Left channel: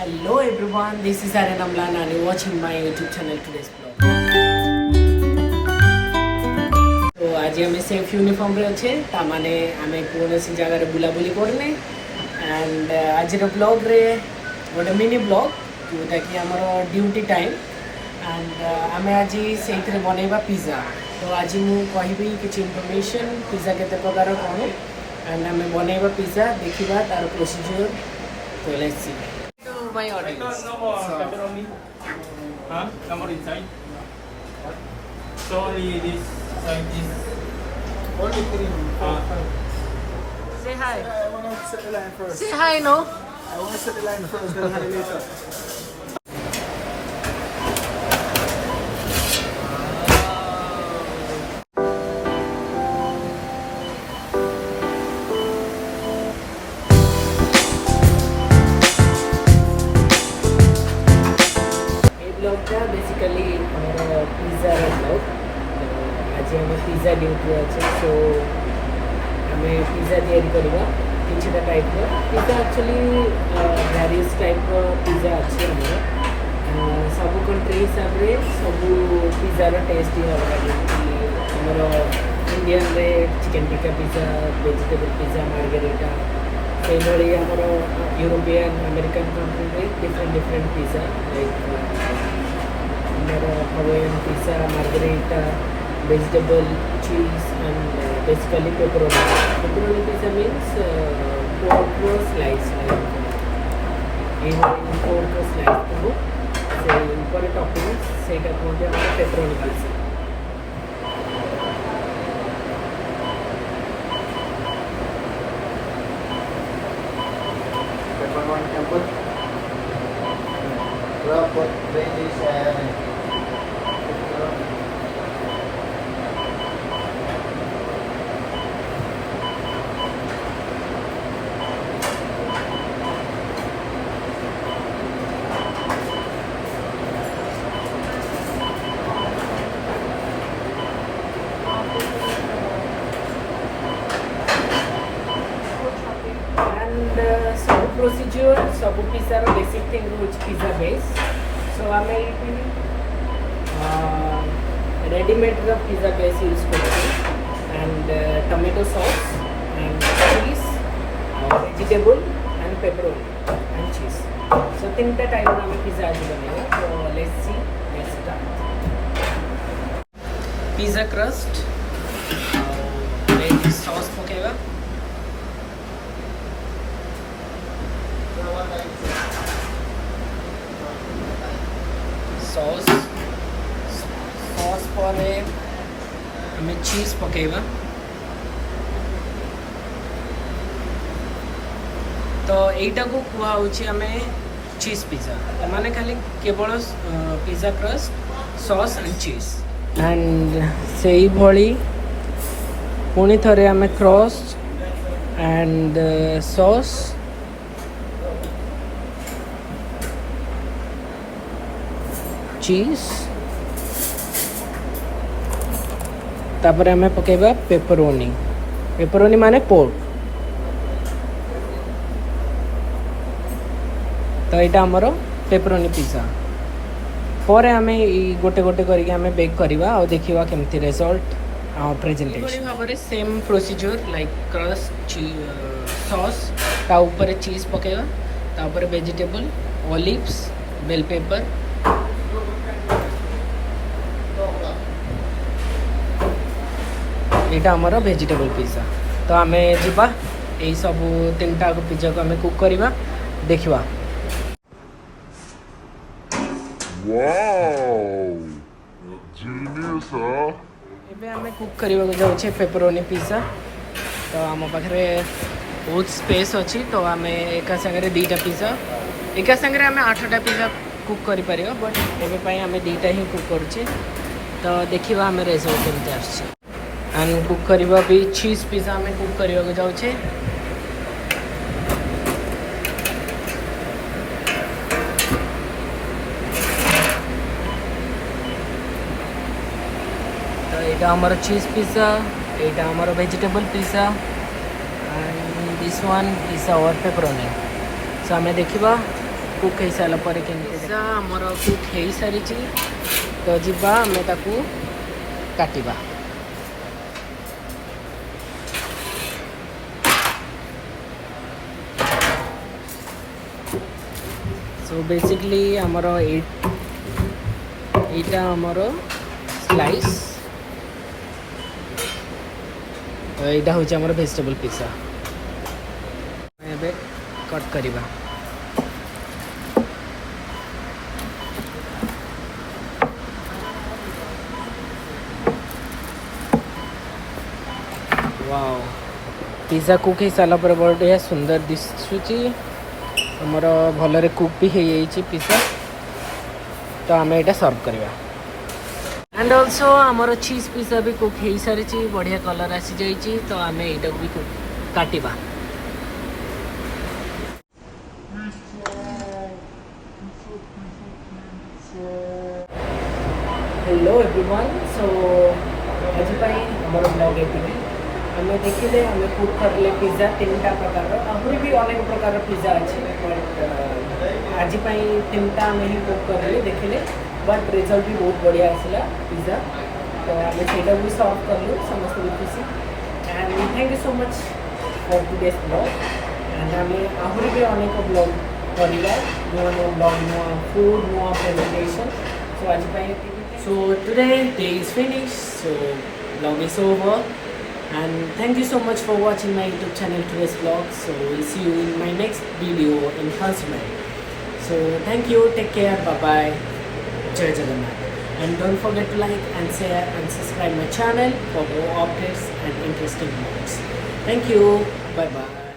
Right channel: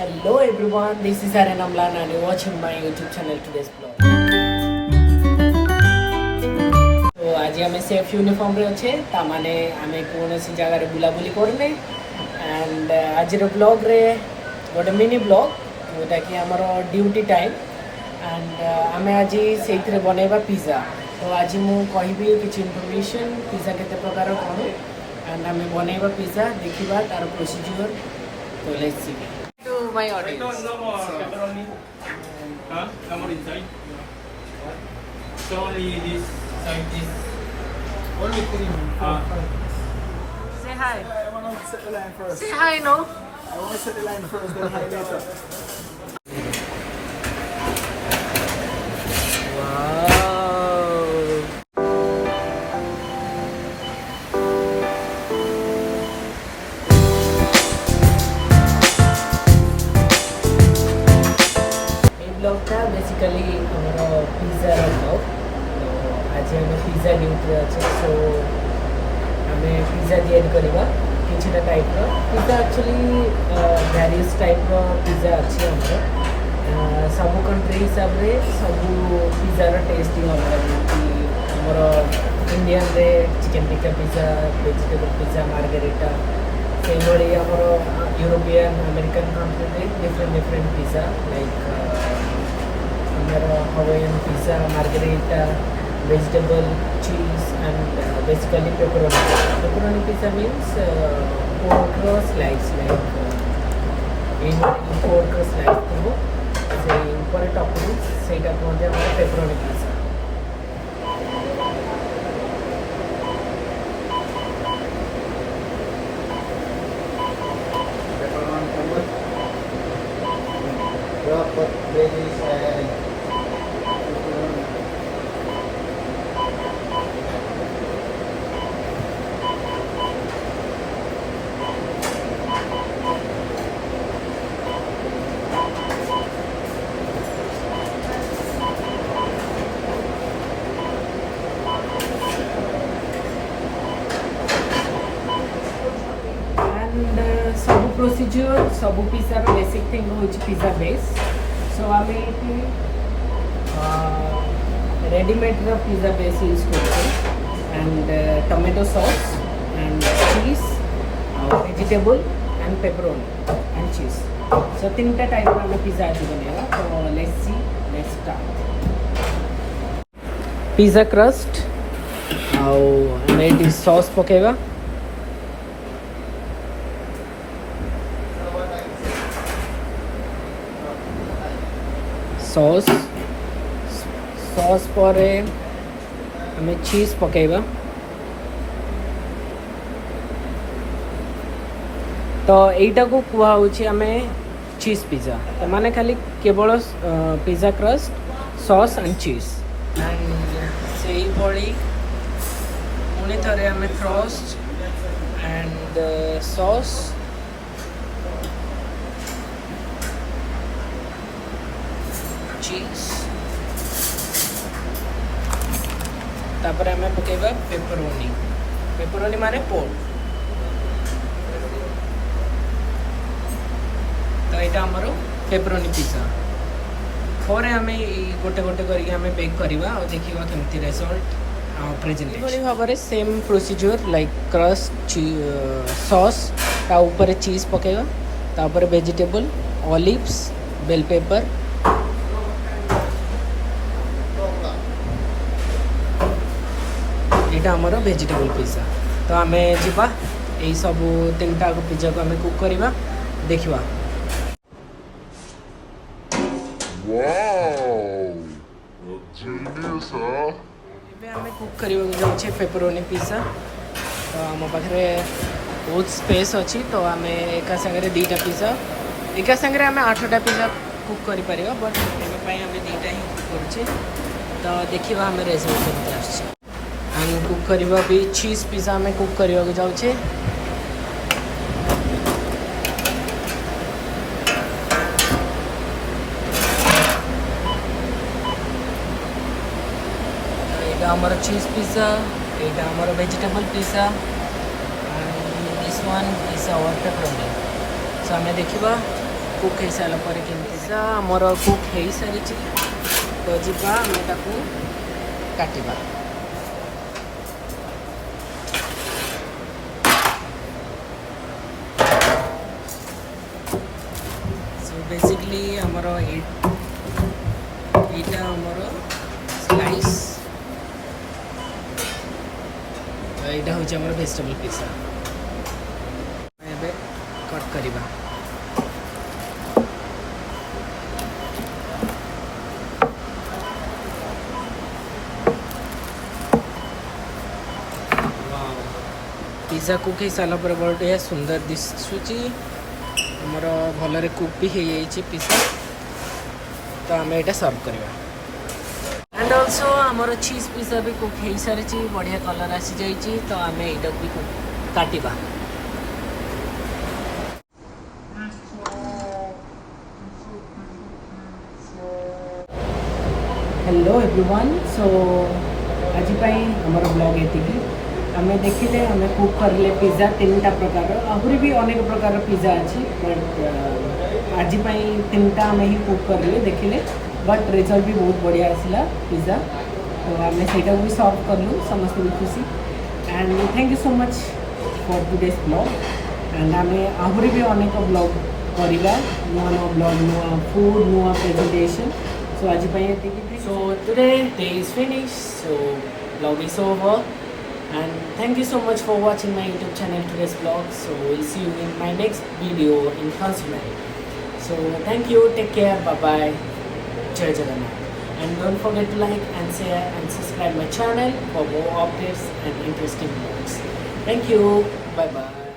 Hello everyone, this is Aryan Amlan and you're watching my YouTube channel today's vlog. So आज हमें safe uniform रे अच्छे तामाने हमें कौन सी जगह रे बुलाबुली करने एंड आज रे ब्लॉग रे गोटे मिनी ब्लॉग जोटा कि हमर ड्यूटी टाइम एंड हमें आज सेइथरे बनेबा पिज्जा तो आज मु कहबी किछि इंफॉर्मेशन पिज्जा केते प्रकार कोन एंड हमें बनेबा पिज्जा देखिबा तार प्रोसीजर तो let's see to my audience. Come on inside. So only this side is only cream. Say hi. I want to set the line first. Say hi, no? I want to set the line first, then hi later. Basically हमारा pizza blog तो आज आम pizza duty अच्छे सो आम pizza या किछटा type pizza actually various type pizza अच्छी आमर सब कंट्री हिसाब से सब पिज्जार टेस्ट ही अलग आमर इंडियन रे chicken tikka pizza vegetable pizza margherita से आमर यूरोपियन अमेरिकन कंट्री रे different different pizza like Hawaiian pizza, margherita, vegetable, cheese, and basically pepperoni. Pepperoni pizza means pork slice, like in pork slice. So, for toppings, say that pepperoni pizza. सब procedure सब पिज्जार basic thing हूँ pizza base so आम ये readymade pizza base use कर and tomato sauce and चीज vegetable and pepperoni and चीज सो तीन type आम पिज्जा आज बनेगा तो let's see let's start pizza crust और सॉस पकेगा सॉस पर हमें चीज पकेबा तो यहीटा को कुआ हमें चीज पिज्जा माने खाली केवल पिज्जा क्रस्ट सॉस एंड चीज एंड से भली पुणी थरे हमें क्रस्ट एंड सॉस चीज तापर हमें पकेबा पेपरोनी माने पोर्क तो यहाँ आमर पेपरोनी पिज्जा पर आम गोटे गोटे करके आम बेक करवा और देखा केमती रिजल्ट प्रेजेंटेशन भाव में same procedure like crust sauce ता ऊपर चीज पकेबा तापर वेजिटेबल ऑलिव्स बेल पेपर यहाँ आमर वेजिटेबल पिज्जा तो आम जा यही सब तीन टा पिज्जा को आम कुक करवा देखा आम कुक करने जाऊे पेपरोनी पिज्जा तो आम पाखे बहुत स्पेस अच्छी तो आम एक सागर दीटा पिज्जा एक सागर आम 8टा पिज्जा कुक कर बट एवं आम दीटा ही कुक करुचे तो देखा आम रिजल्ट केमती आस एंड कुक करवा भी चीज पिज्जा में कुक करने जाऊे तो यहाँ आमर चीज पिज्जा यहाँ आमर vegetable pizza and this one is our pepperoni so आम देखा कुक हो सारा पर पिज्जा आमर कुक हो सारी तो जीवा आम ताकू काटिबा सो बेसिकली आमर एटा आमर स्लाइस यहाँ हूँ आमर वेजिटेबल पिज्जा एबे कट करिबा वाओ पिज्जा कुक हो सारा पर बढ़िया सुंदर दिशुची आमर भलरे कुक भी हो जाइए पिज्जा तो आम यहाँ सर्व करवा एंड ऑल्सो आमर चीज पिज्जा भी कुक हो सारी बढ़िया कलर आसी जाइए तो आम यहाँ भी कुक काटिबा हेलो एवरीवन सो आज आमर ब्लॉग ये आम देखिले आम कुक करले पिज्जा 3टा प्रकार आहरी भी अनेक प्रकार पिज्जा अच्छे बट आज 3टा आम ही कुक करले देखिले बट रिजल्ट भी बहुत बढ़िया आसला पिज्जा तो आम से भी सर्व कलु समस्त खुशी and thank you so much for today's blog and आम आहरी भी अनेक ब्लॉग करवा नुआ नुआ ब्लॉग नुआ फूड नुआ प्रेजेंटेशन सो आज so today day is finished so vlog is over and thank you so much for watching my YouTube channel today's vlog so we'll see you in my next video in consumer so thank you take care bye bye jai jagannath and don't forget to like and share and subscribe my channel for more updates and interesting vlogs thank you bye bye